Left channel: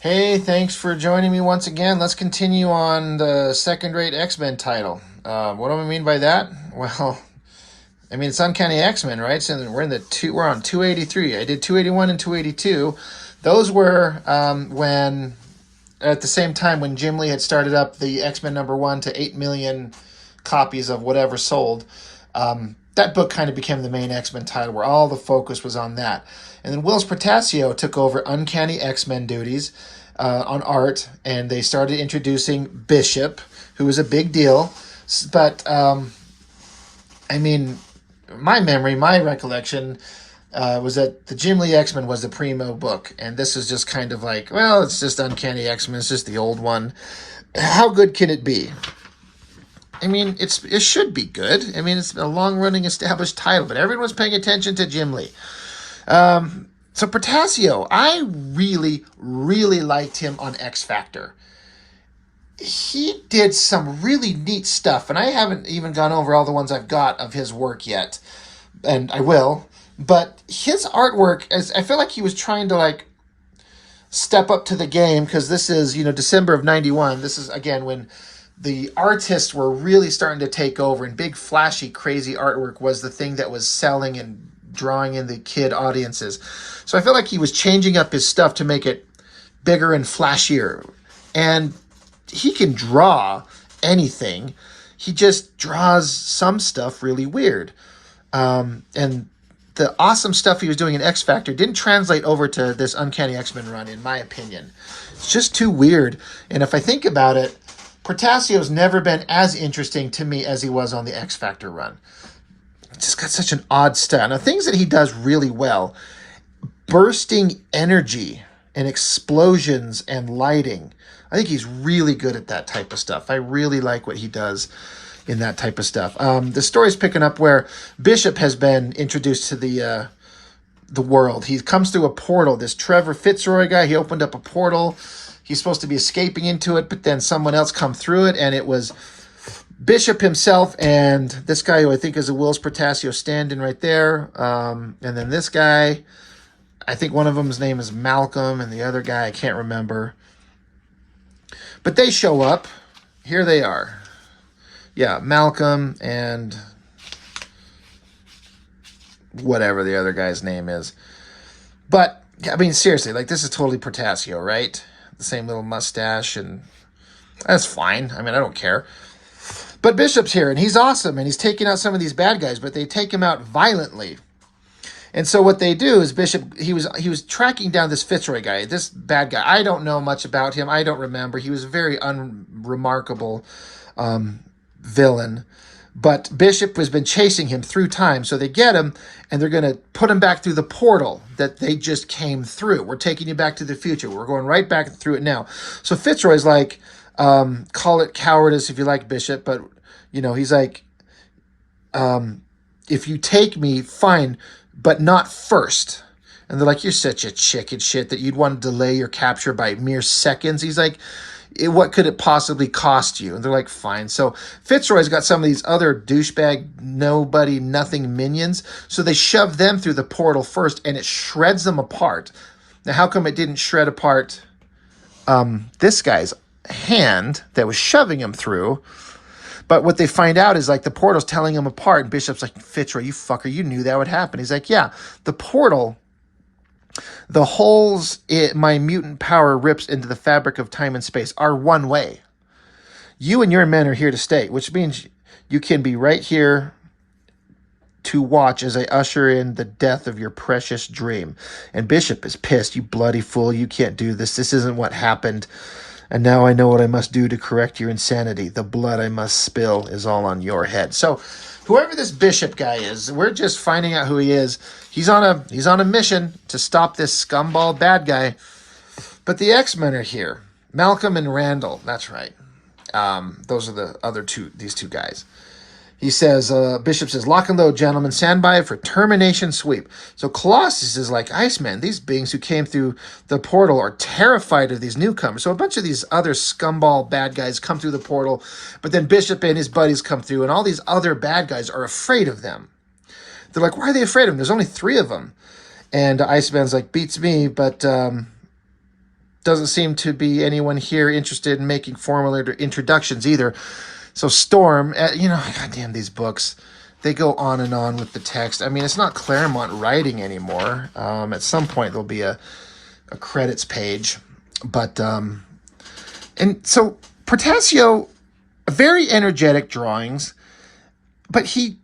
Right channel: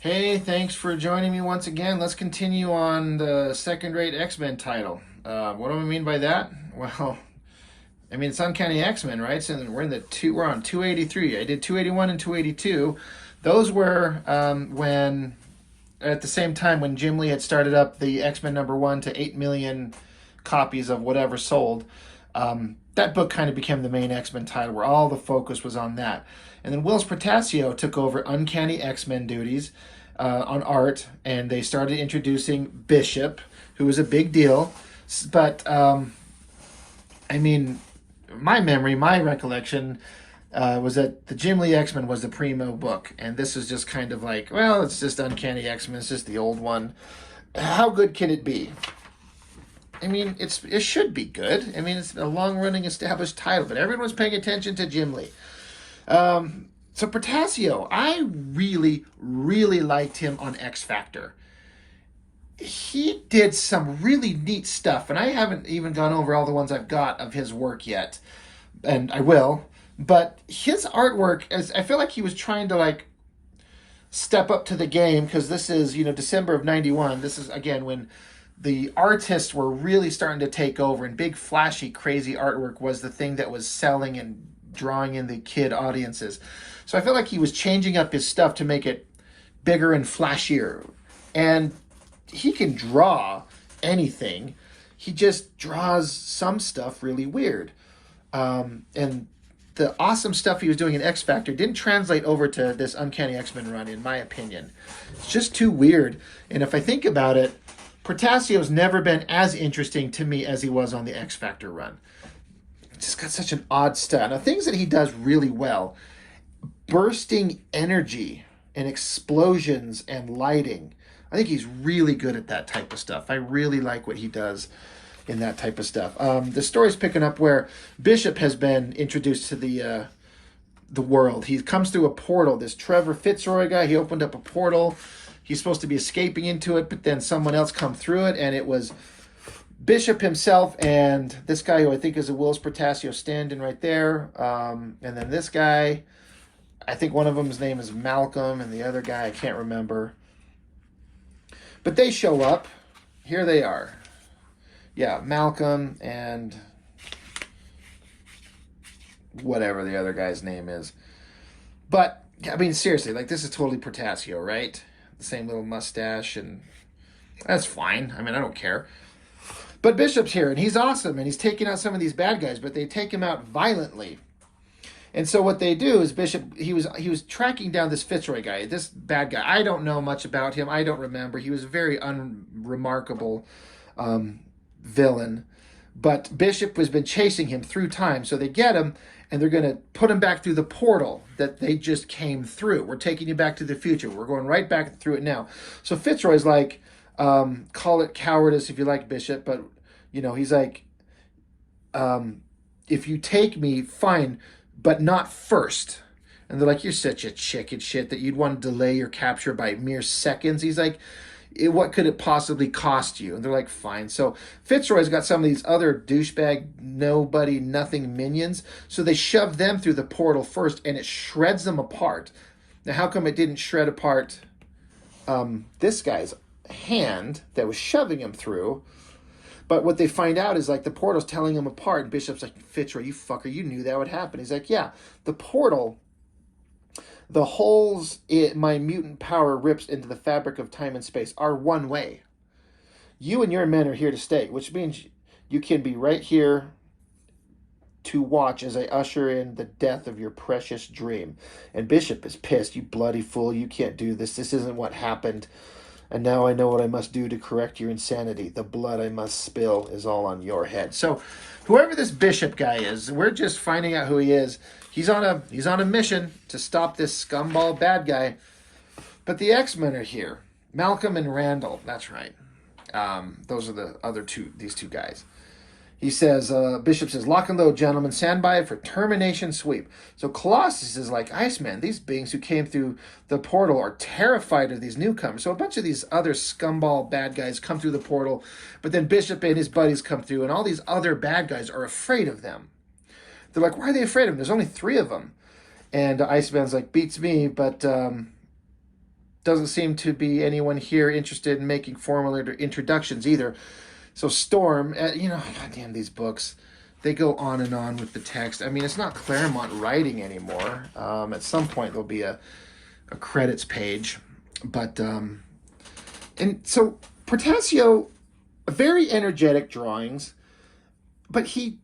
Hey, thanks for joining me once again. Let's continue on the second-rate X-Men title. What do I mean by that? Well, I mean it's Uncanny X-Men, right? So we're on 283. I did 281 and 282. Those were when at the same time when Jim Lee had started up the X-Men #1 to 8 million copies of whatever sold. That book kind of became the main X-Men title where all the focus was on that. And then Wills Portacio took over Uncanny X-Men duties on art, and they started introducing Bishop, who was a big deal. But, I mean, my recollection was that the Jim Lee X-Men was the primo book, and this is just kind of like, well, it's just Uncanny X-Men, it's just the old one. How good can it be? I mean, it should be good. I mean, it's a long-running established title, but everyone's paying attention to Jim Lee. So Portacio, I really, really liked him on X Factor. He did some really neat stuff, and I haven't even gone over all the ones I've got of his work yet, and I will. But his artwork, as I feel like he was trying to step up to the game because this is December of '91. This is again when the artists were really starting to take over, and big flashy crazy artwork was the thing that was selling and drawing in the kid audiences. So I felt like he was changing up his stuff to make it bigger and flashier. And he can draw anything. He just draws some stuff really weird. And the awesome stuff he was doing in X Factor didn't translate over to this Uncanny X-Men run, in my opinion. It's just too weird. And if I think about it, Portacio's never been as interesting to me as he was on the X Factor run. It's just got such an odd style. Now, things that he does really well, bursting energy and explosions and lighting. I think he's really good at that type of stuff. I really like what he does in that type of stuff. The story's picking up where Bishop has been introduced to the world. He comes through a portal. This Trevor Fitzroy guy, he opened up a portal. He's supposed to be escaping into it, but then someone else come through it, and it was Bishop himself and this guy who I think is a Wills Portacio stand-in right there. And then this guy, I think one of them's name is Malcolm, and the other guy I can't remember. But they show up. Here they are. Yeah, Malcolm and whatever the other guy's name is. But, I mean, seriously, this is totally Portacio, right? The same little mustache, and that's fine. I mean, I don't care. But Bishop's here, and he's awesome, and he's taking out some of these bad guys, but they take him out violently. And so what they do is Bishop, he was tracking down this Fitzroy guy, this bad guy. I don't know much about him. I don't remember. He was a very unremarkable villain. But Bishop has been chasing him through time, so they get him, and they're going to put him back through the portal that they just came through. We're taking you back to the future. We're going right back through it now. So Fitzroy's like, call it cowardice if you like, Bishop, but, he's like, if you take me, fine, but not first. And they're like, you're such a chicken shit that you'd want to delay your capture by mere seconds. He's like, what could it possibly cost you? And they're like, fine. So Fitzroy's got some of these other douchebag, nobody, nothing minions. So they shove them through the portal first, and it shreds them apart. Now, how come it didn't shred apart this guy's hand that was shoving him through? But what they find out is the portal's telling him apart. And Bishop's like, Fitzroy, you fucker, you knew that would happen. He's like, yeah, the portal, the holes my mutant power rips into the fabric of time and space are one way. You and your men are here to stay, which means you can be right here to watch as I usher in the death of your precious dream. And Bishop is pissed. You bloody fool. You can't do this. This isn't what happened. And now I know what I must do to correct your insanity. The blood I must spill is all on your head. So whoever this Bishop guy is, we're just finding out who he is. He's on a mission to stop this scumball bad guy. But the X-Men are here. Malcolm and Randall. That's right. Those are these two guys. He says, Bishop says, lock and load, gentlemen. Stand by for termination sweep. So Colossus is like, Iceman, these beings who came through the portal are terrified of these newcomers. So a bunch of these other scumball bad guys come through the portal, but then Bishop and his buddies come through, and all these other bad guys are afraid of them. They're like, why are they afraid of them? There's only 3 of them. And Iceman's like, beats me, but doesn't seem to be anyone here interested in making formal introductions either. So Storm, goddamn these books, they go on and on with the text. I mean, it's not Claremont writing anymore. At some point there'll be a credits page, but and so Portacio, very energetic drawings, but he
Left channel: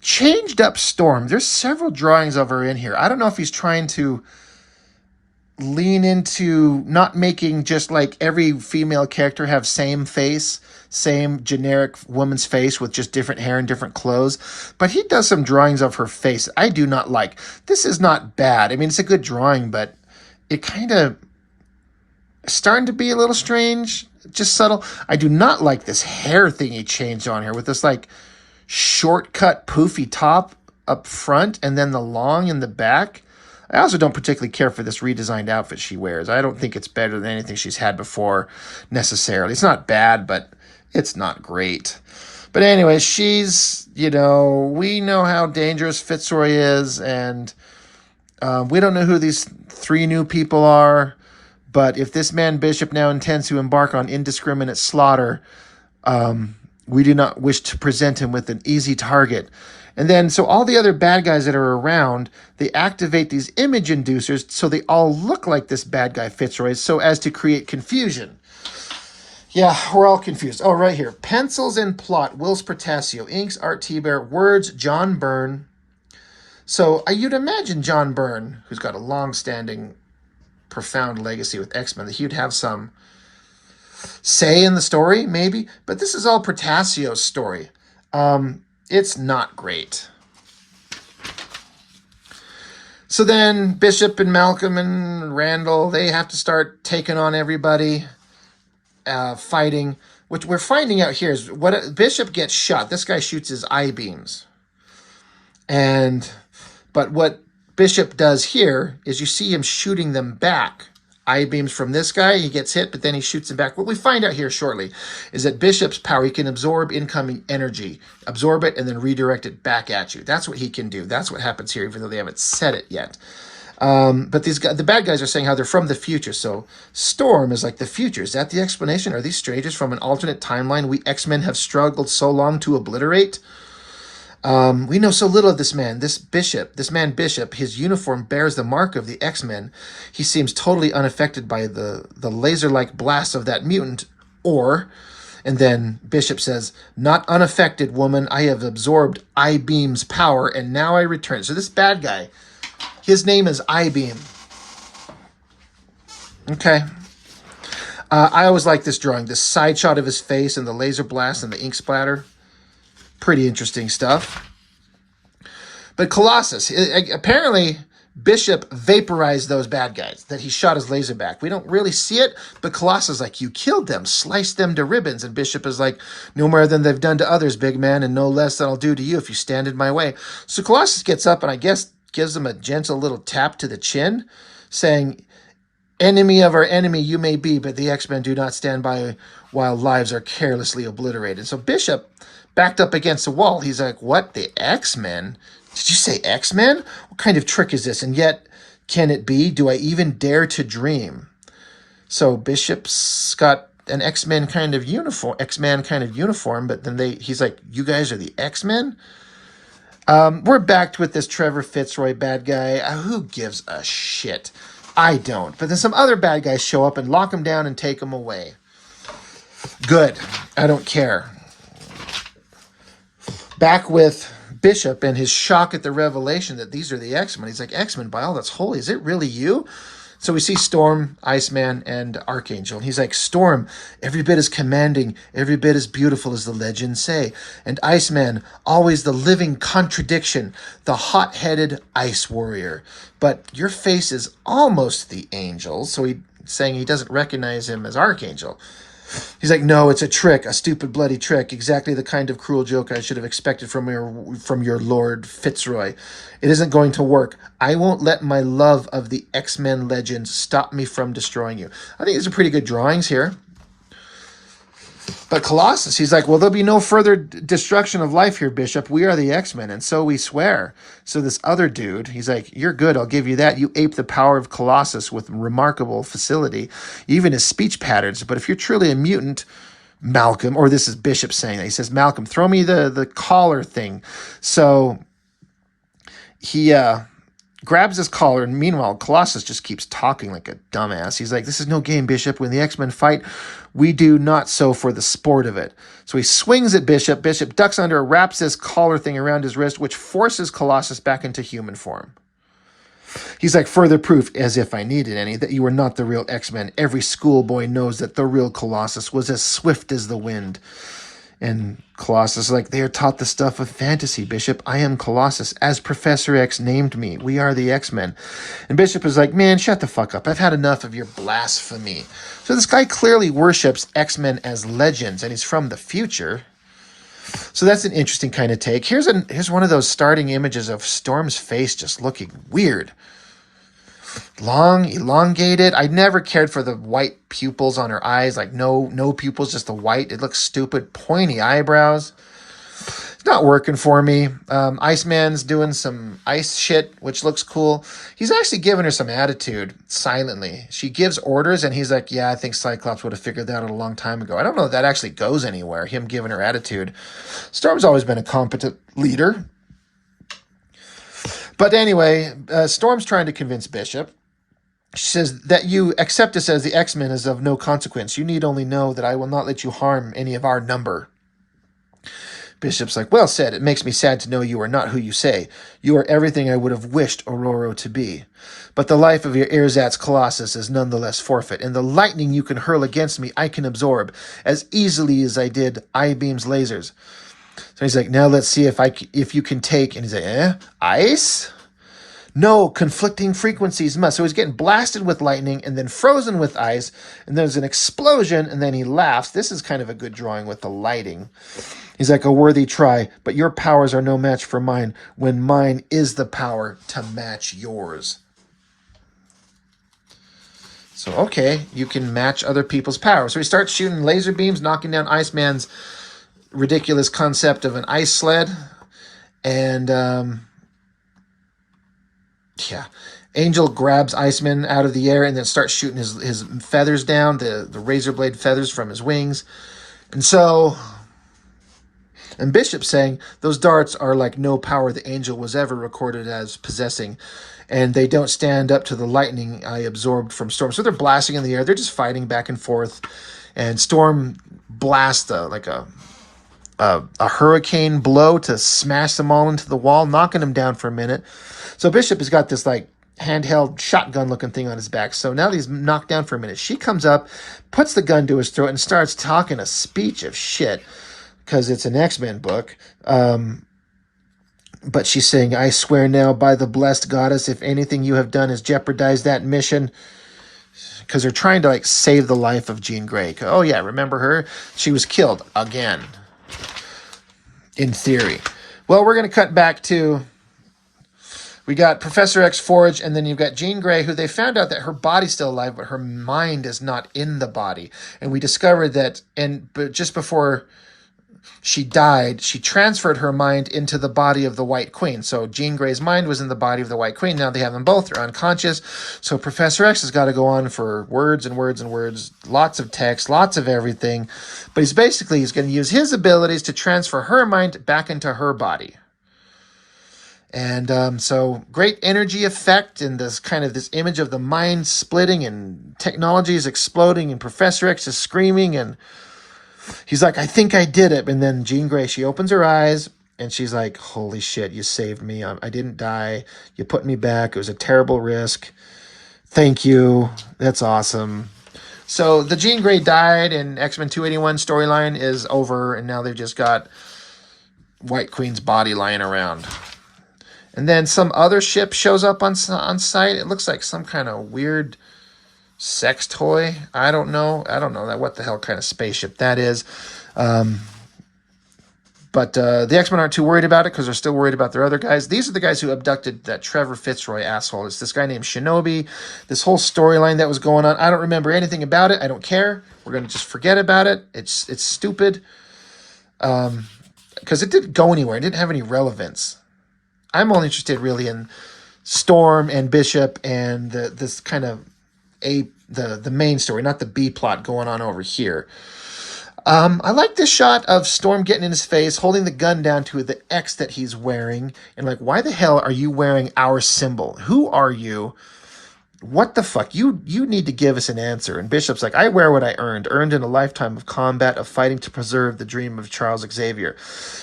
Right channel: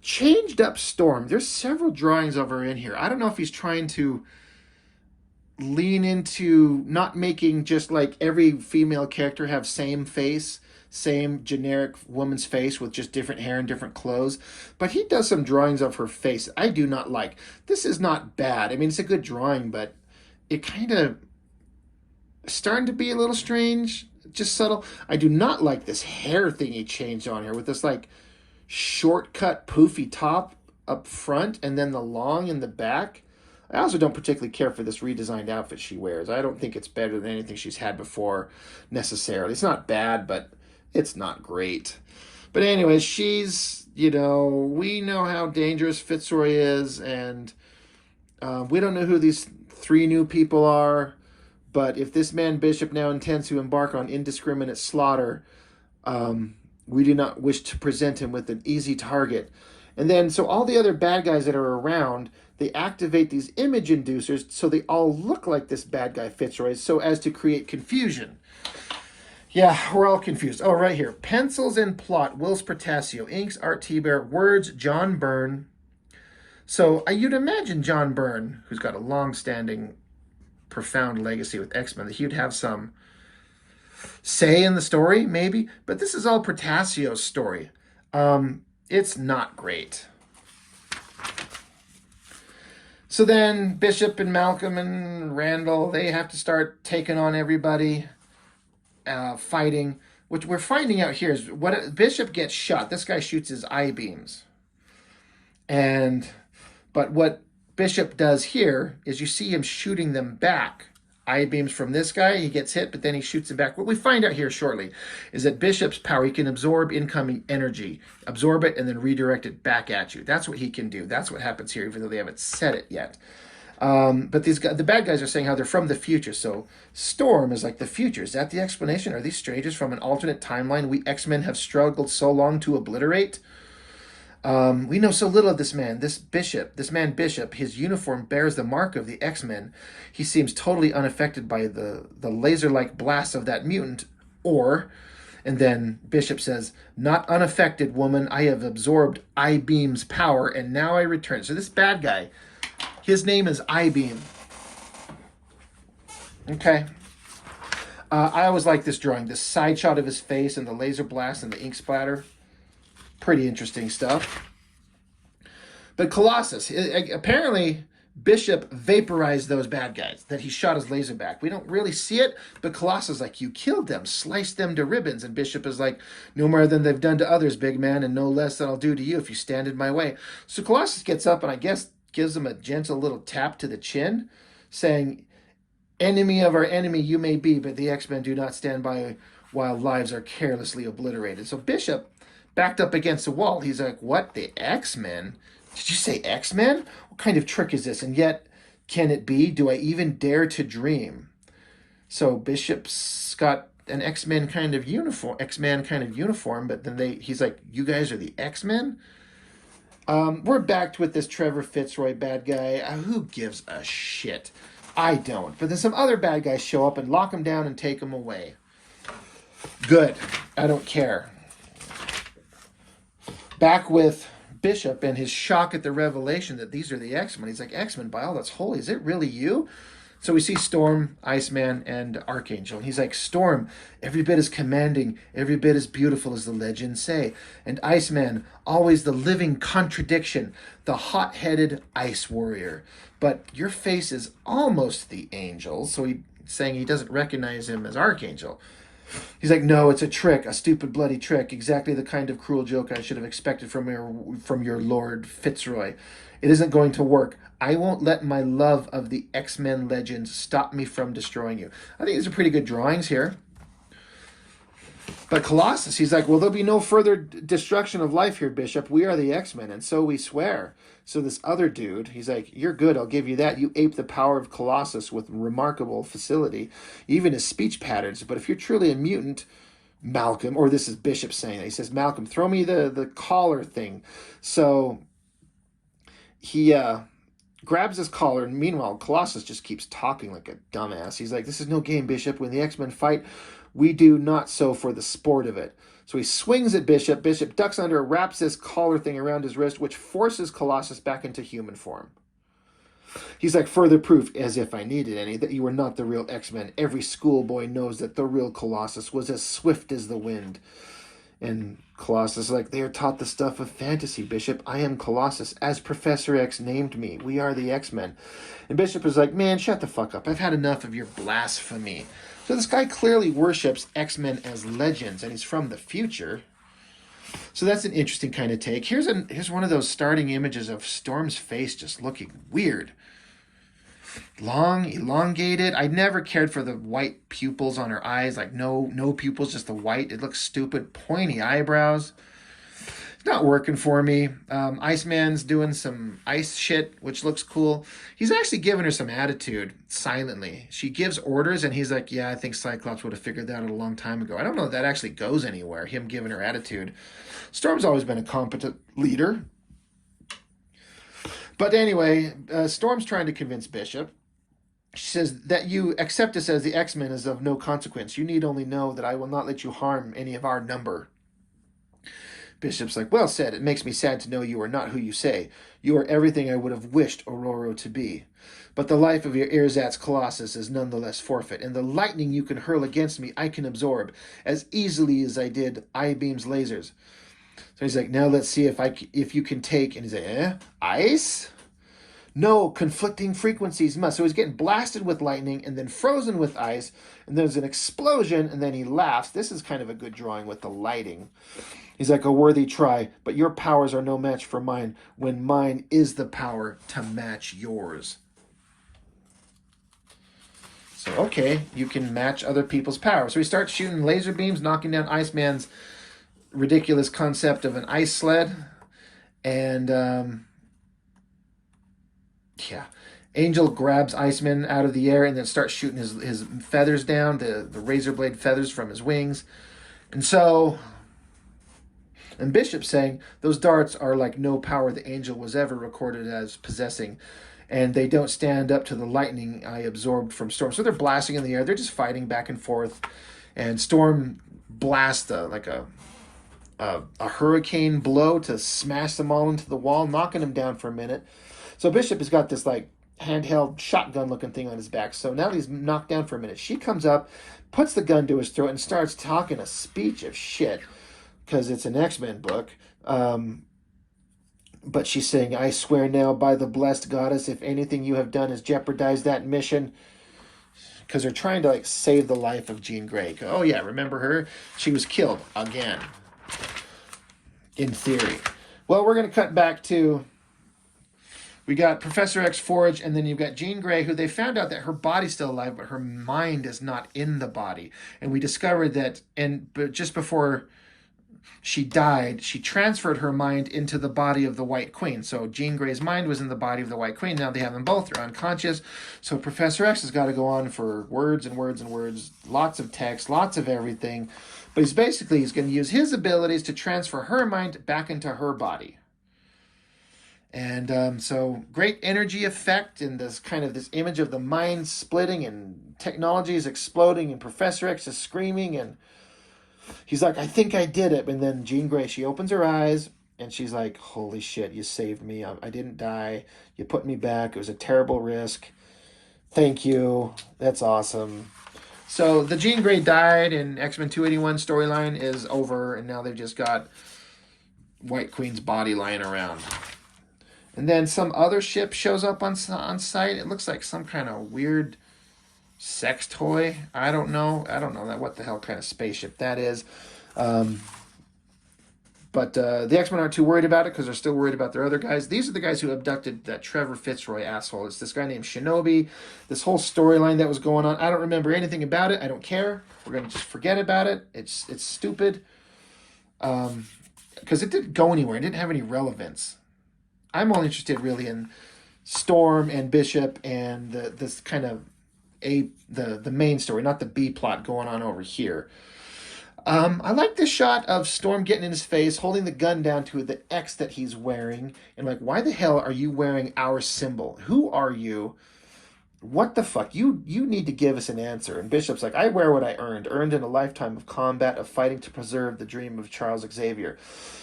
changed up Storm. There's several drawings of her in here. I don't know if he's trying to lean into not making just like every female character have same face, same generic woman's face with just different hair and different clothes, but he does some drawings of her face I do not like. This is not bad. I mean, it's a good drawing, but it kind of starting to be a little strange, just subtle. I do not like this hair thing he changed on here with this like shortcut poofy top up front and then the long in the back. I also don't particularly care for this redesigned outfit she wears. I don't think it's better than anything she's had before necessarily. It's not bad, but it's not great. But anyway, she's, we know how dangerous Fitzroy is, and we don't know who these 3 new people are. But if this man Bishop now intends to embark on indiscriminate slaughter, we do not wish to present him with an easy target. And then, so all the other bad guys that are around, they activate these image inducers so they all look like this bad guy Fitzroy, so as to create confusion. Yeah, we're all confused. Oh, right here. Pencils and plot, Wills Portacio. Inks, Art T-Bear. Words, John Byrne. So you'd imagine John Byrne, who's got a long-standing, profound legacy with X-Men, that he would have some say in the story, maybe. But this is all Portacio's story. It's not great. So then Bishop and Malcolm and Randall, they have to start taking on everybody, fighting. Which we're finding out here is Bishop gets shot. This guy shoots his I-beams. But what Bishop does here is you see him shooting them back. I-beams from this guy, he gets hit, but then he shoots them back. What we find out here shortly is that Bishop's power, he can absorb incoming energy, absorb it, and then redirect it back at you. That's what he can do. That's what happens here, even though they haven't said it yet. But these guys, the bad guys are saying how they're from the future. So Storm is like the future. Is that the explanation? Are these strangers from an alternate timeline we X-Men have struggled so long to obliterate? We know so little of this man, this man Bishop. His uniform bears the mark of the X-Men. He seems totally unaffected by the laser-like blast of that mutant. And then Bishop says, "Not unaffected, woman. I have absorbed I-Beam's power, and now I return." So this bad guy, his name is I-Beam. Okay. I always like this drawing. This side shot of his face and the laser blast and the ink splatter. Pretty interesting stuff. But Colossus, apparently Bishop vaporized those bad guys, that he shot his laser back. We don't really see it, but Colossus is like, "You killed them, sliced them to ribbons." And Bishop is like, "No more than they've done to others, big man, and no less than I'll do to you if you stand in my way." So Colossus gets up and I guess gives him a gentle little tap to the chin, saying, "Enemy of our enemy you may be, but the X-Men do not stand by while lives are carelessly obliterated." So Bishop backed up against the wall. He's like, "What? The X-Men? Did you say X-Men? What kind of trick is this? And yet, can it be? Do I even dare to dream?" So Bishop's got an X-Men kind of uniform, but then he's like, "You guys are the X-Men?" We're backed with this Trevor Fitzroy bad guy. Who gives a shit? I don't. But then some other bad guys show up and lock him down and take him away. Good. I don't care. Back with Bishop and his shock at the revelation that these are the X-Men. He's like, "X-Men, by all that's holy, is it really you?" So we see Storm, Iceman, and Archangel. And he's like, "Storm, every bit as commanding, every bit as beautiful as the legends say. And Iceman, always the living contradiction, the hot-headed ice warrior. But your face is almost the angel." So he's saying he doesn't recognize him as Archangel. He's like, "No, it's a trick, a stupid, bloody trick. Exactly the kind of cruel joke I should have expected from your Lord Fitzroy. It isn't going to work. I won't let my love of the X-Men legends stop me from destroying you." I think these are pretty good drawings here. But Colossus, he's like, well, there'll be no further destruction of life here, Bishop. We are the X-Men, and so we swear. So this other dude, he's like, you're good, I'll give you that. You ape the power of Colossus with remarkable facility, even his speech patterns. But if you're truly a mutant, Malcolm, or this is Bishop saying that, he says, Malcolm, throw me the collar thing. So he grabs his collar, and meanwhile, Colossus just keeps talking like a dumbass. He's like, this is no game, Bishop. When the X-Men fight, we do not so for the sport of it. So he swings at Bishop. Bishop ducks under, wraps this collar thing around his wrist, which forces Colossus back into human form. He's like, further proof, as if I needed any, that you are not the real X-Men. Every schoolboy knows that the real Colossus was as swift as the wind. And Colossus is like, they are taught the stuff of fantasy, Bishop. I am Colossus, as Professor X named me. We are the X-Men. And Bishop is like, man, shut the fuck up. I've had enough of your blasphemy. So this guy clearly worships X-Men as legends, and he's from the future. So that's an interesting kind of take. Here's one of those starting images of Storm's face just looking weird. Long, elongated. I never cared for the white pupils on her eyes. Like no pupils, just the white. It looks stupid. Pointy eyebrows. It's not working for me. Iceman's doing some ice shit, which looks cool. He's actually giving her some attitude silently. She gives orders, and he's like, yeah, I think Cyclops would have figured that out a long time ago. I don't know if that actually goes anywhere, him giving her attitude. Storm's always been a competent leader. But anyway, Storm's trying to convince Bishop. She says that you accept us as the X-Men is of no consequence. You need only know that I will not let you harm any of our number. Bishop's like, well said. It makes me sad to know you are not who you say. You are everything I would have wished Aurora to be. But the life of your ersatz Colossus is nonetheless forfeit, and the lightning you can hurl against me I can absorb as easily as I did I-beam's lasers. So he's like, now let's see if you can take, and he's like, ice? No, conflicting frequencies must. So he's getting blasted with lightning and then frozen with ice, and there's an explosion, and then he laughs. This is kind of a good drawing with the lighting. He's like, a worthy try, but your powers are no match for mine, when mine is the power to match yours. So, okay, you can match other people's powers. So he starts shooting laser beams, knocking down Iceman's ridiculous concept of an ice sled. And, yeah, Angel grabs Iceman out of the air and then starts shooting his feathers down, the razor blade feathers from his wings. And so, and Bishop's saying, those darts are like no power the Angel was ever recorded as possessing, and they don't stand up to the lightning I absorbed from Storm. So they're blasting in the air. They're just fighting back and forth. And Storm blasts a hurricane blow to smash them all into the wall, knocking them down for a minute. So Bishop has got this like handheld shotgun looking thing on his back. So now that he's knocked down for a minute, she comes up, puts the gun to his throat, and starts talking a speech of shit, because it's an X-Men book. But she's saying, I swear now by the blessed goddess, if anything you have done has jeopardized that mission. Because they're trying to like save the life of Jean Grey. Oh yeah, remember her? She was killed again. In theory. Well, we're going to cut back to, we got Professor X Forge, and then you've got Jean Grey, who they found out that her body's still alive, but her mind is not in the body. And we discovered that, but just before she died, she transferred her mind into the body of the White Queen. So Jean Grey's mind was in the body of the White Queen. Now they have them both. They're unconscious. So Professor X has got to go on for words and words and words, lots of text, lots of everything. But he's going to use his abilities to transfer her mind back into her body. And so great energy effect, and this image of the mind splitting, and technology is exploding, and Professor X is screaming, and he's like, I think I did it. And then Jean Grey, she opens her eyes, and she's like, holy shit, you saved me. I didn't die. You put me back. It was a terrible risk. Thank you. That's awesome. So the Jean Grey died, and X-Men 281 storyline is over, and now they've just got White Queen's body lying around. And then some other ship shows up on site. It looks like some kind of weird sex toy. I don't know what the hell kind of spaceship that is. But But the X-Men aren't too worried about it because they're still worried about their other guys. These are the guys who abducted that Trevor Fitzroy asshole. It's this guy named Shinobi. This whole storyline that was going on, I don't remember anything about it. I don't care. We're going to just forget about it. It's stupid. Because it didn't go anywhere. It didn't have any relevance. I'm only interested really in Storm and Bishop and this kind of the main story, not the B plot going on over here. I like this shot of Storm getting in his face, holding the gun down to the X that he's wearing, and like, why the hell are you wearing our symbol? Who are you? What the fuck? You need to give us an answer. And Bishop's like, I wear what I earned in a lifetime of combat, of fighting to preserve the dream of Charles Xavier.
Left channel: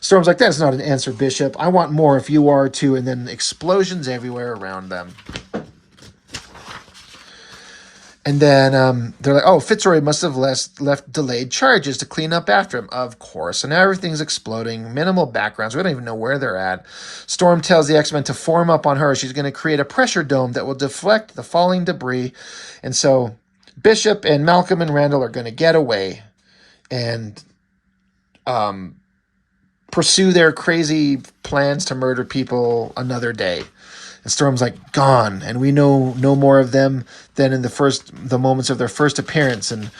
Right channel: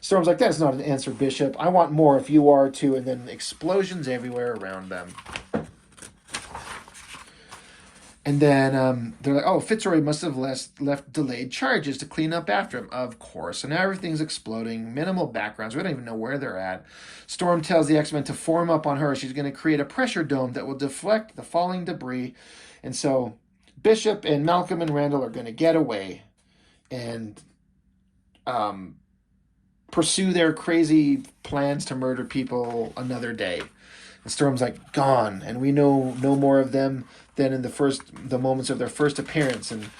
Storm's like, that's not an answer, Bishop. I want more if you are too. And then explosions everywhere around them. And then they're like, oh, Fitzroy must have left delayed charges to clean up after him. Of course. And now everything's exploding. Minimal backgrounds. We don't even know where they're at. Storm tells the X-Men to form up on her. She's going to create a pressure dome that will deflect the falling debris. And so Bishop and Malcolm and Randall are going to get away and pursue their crazy plans to murder people another day. And Storm's like, gone, and we know no more of them than in the moments of their first appearance. And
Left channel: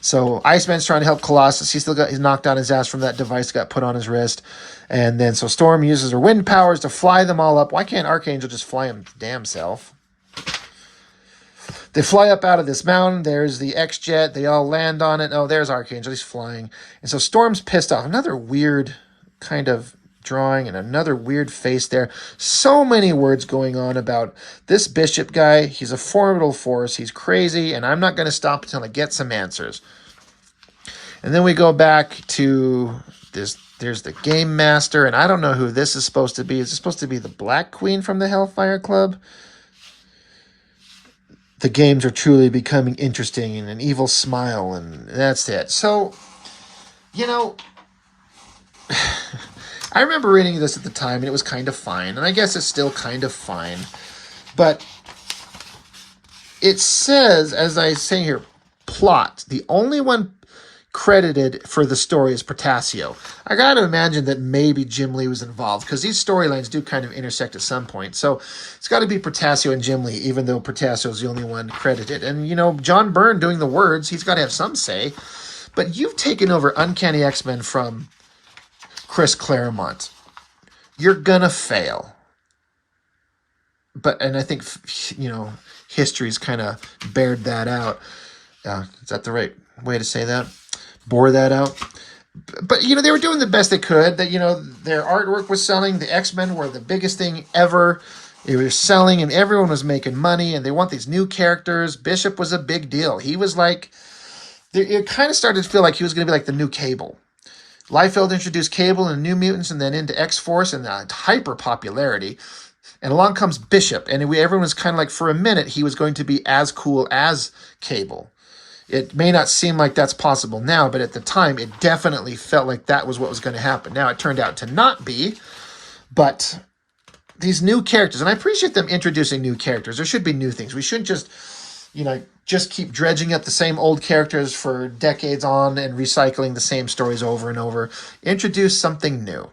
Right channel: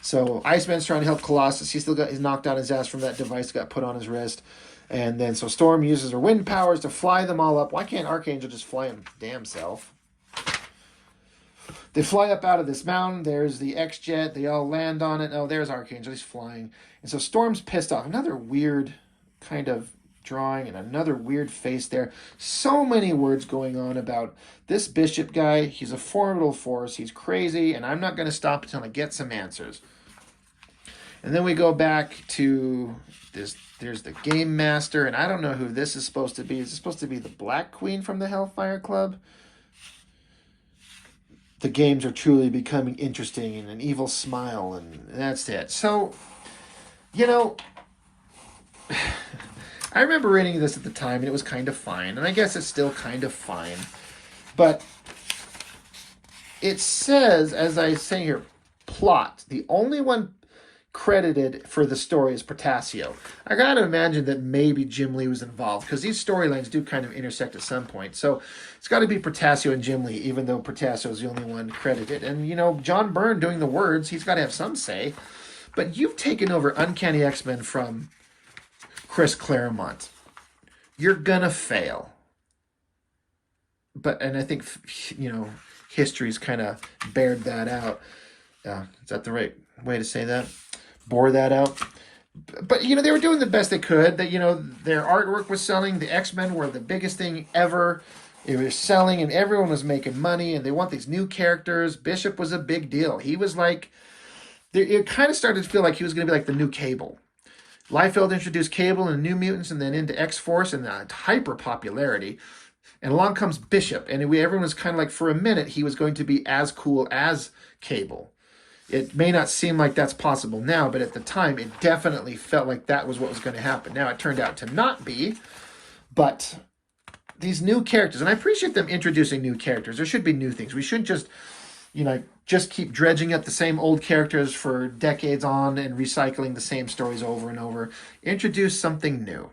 so Iceman's trying to help Colossus. He's knocked out his ass from that device that got put on his wrist. And then so Storm uses her wind powers to fly them all up. Why can't Archangel just fly him damn self? They fly up out of this mountain. There's the X-Jet. They all land on it. Oh, there's Archangel. He's flying. And so Storm's pissed off. Another weird kind of drawing and another weird face there. So many words going on about this Bishop guy. He's a formidable force. He's crazy, and I'm not going to stop until I get some answers. And then we go back to this. There's the Game Master, and I don't know who this is supposed to be. Is it supposed to be the Black Queen from the Hellfire Club? The games are truly becoming interesting, and an evil smile, and that's it. So, you know, I remember reading this at the time, and it was kind of fine. And I guess it's still kind of fine. But it says, as I say here, plot. The only one credited for the story is Portacio. I got to imagine that maybe Jim Lee was involved, because these storylines do kind of intersect at some point. So it's got to be Portacio and Jim Lee, even though Portacio is the only one credited. And, you know, John Byrne doing the words, he's got to have some say. But you've taken over Uncanny X-Men from Chris Claremont. You're gonna fail. And I think, you know, history's kind of bared that out. Is that the right way to say that? Bore that out. But, you know, they were doing the best they could. That, you know, their artwork was selling. The X-Men were the biggest thing ever. They were selling, and everyone was making money, and they want these new characters. Bishop was a big deal. He was like, it kind of started to feel like he was going to be like the new Cable. Liefeld introduced Cable and New Mutants and then into X-Force and hyper popularity. And along comes Bishop. And everyone was kind of like, for a minute, he was going to be as cool as Cable. It may not seem like that's possible now, but at the time, it definitely felt like that was what was going to happen. Now, it turned out to not be. But these new characters, and I appreciate them introducing new characters. There should be new things. We shouldn't just, you know, just keep dredging up the same old characters for decades on and recycling the same stories over and over. Introduce something new.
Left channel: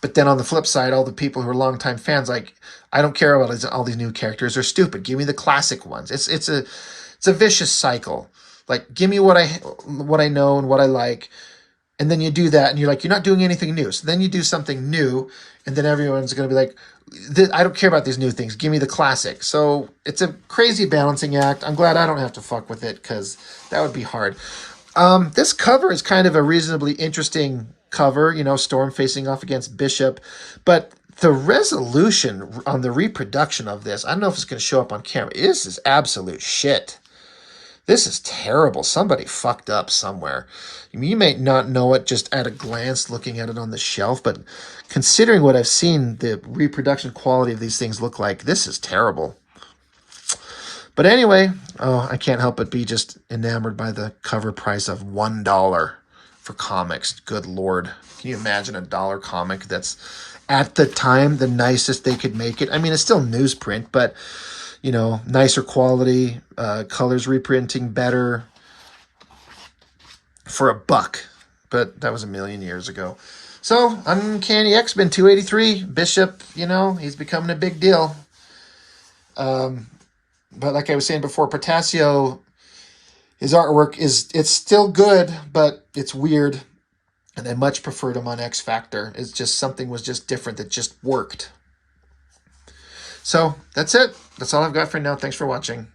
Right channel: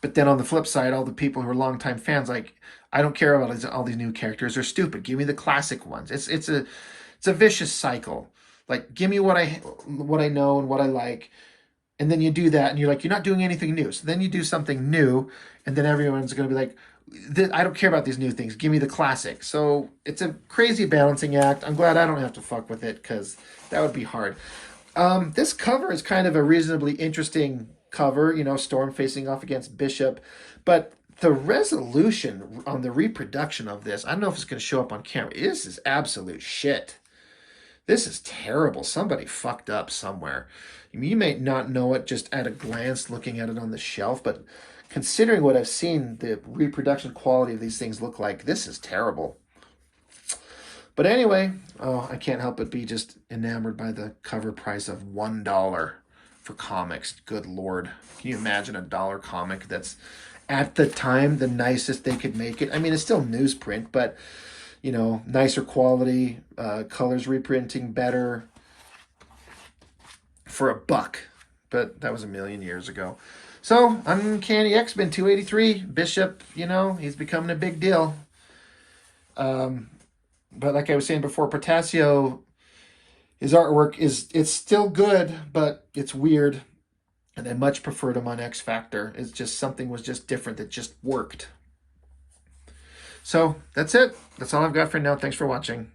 But then on the flip side, all the people who are longtime fans, like, I don't care about all these new characters. They're stupid. Give me the classic ones. It's a vicious cycle. Like, give me what I know and what I like. And then you do that, and you're like, you're not doing anything new. So then you do something new, and then everyone's going to be like, I don't care about these new things. Give me the classic. So it's a crazy balancing act. I'm glad I don't have to fuck with it, because that would be hard. This cover is kind of a reasonably interesting cover, you know, Storm facing off against Bishop. But the resolution on the reproduction of this, I don't know if it's going to show up on camera. This is absolute shit. This is terrible. Somebody fucked up somewhere. I mean, you may not know it just at a glance looking at it on the shelf, but considering what I've seen the reproduction quality of these things look like, this is terrible. But anyway, I can't help but be just enamored by the cover price of $1 for comics. Good Lord. Can you imagine a dollar comic that's at the time the nicest they could make it? I mean, it's still newsprint, but, you know, nicer quality, colors reprinting better for $1. but that was a million years ago. So, Uncanny X-Men 283, Bishop, he's becoming a big deal. But like I was saying before, Portacio, his artwork it's still good, but it's weird. And I much preferred him on X Factor. It's just something was just different that just worked. So that's it. That's all I've got for now. Thanks for watching.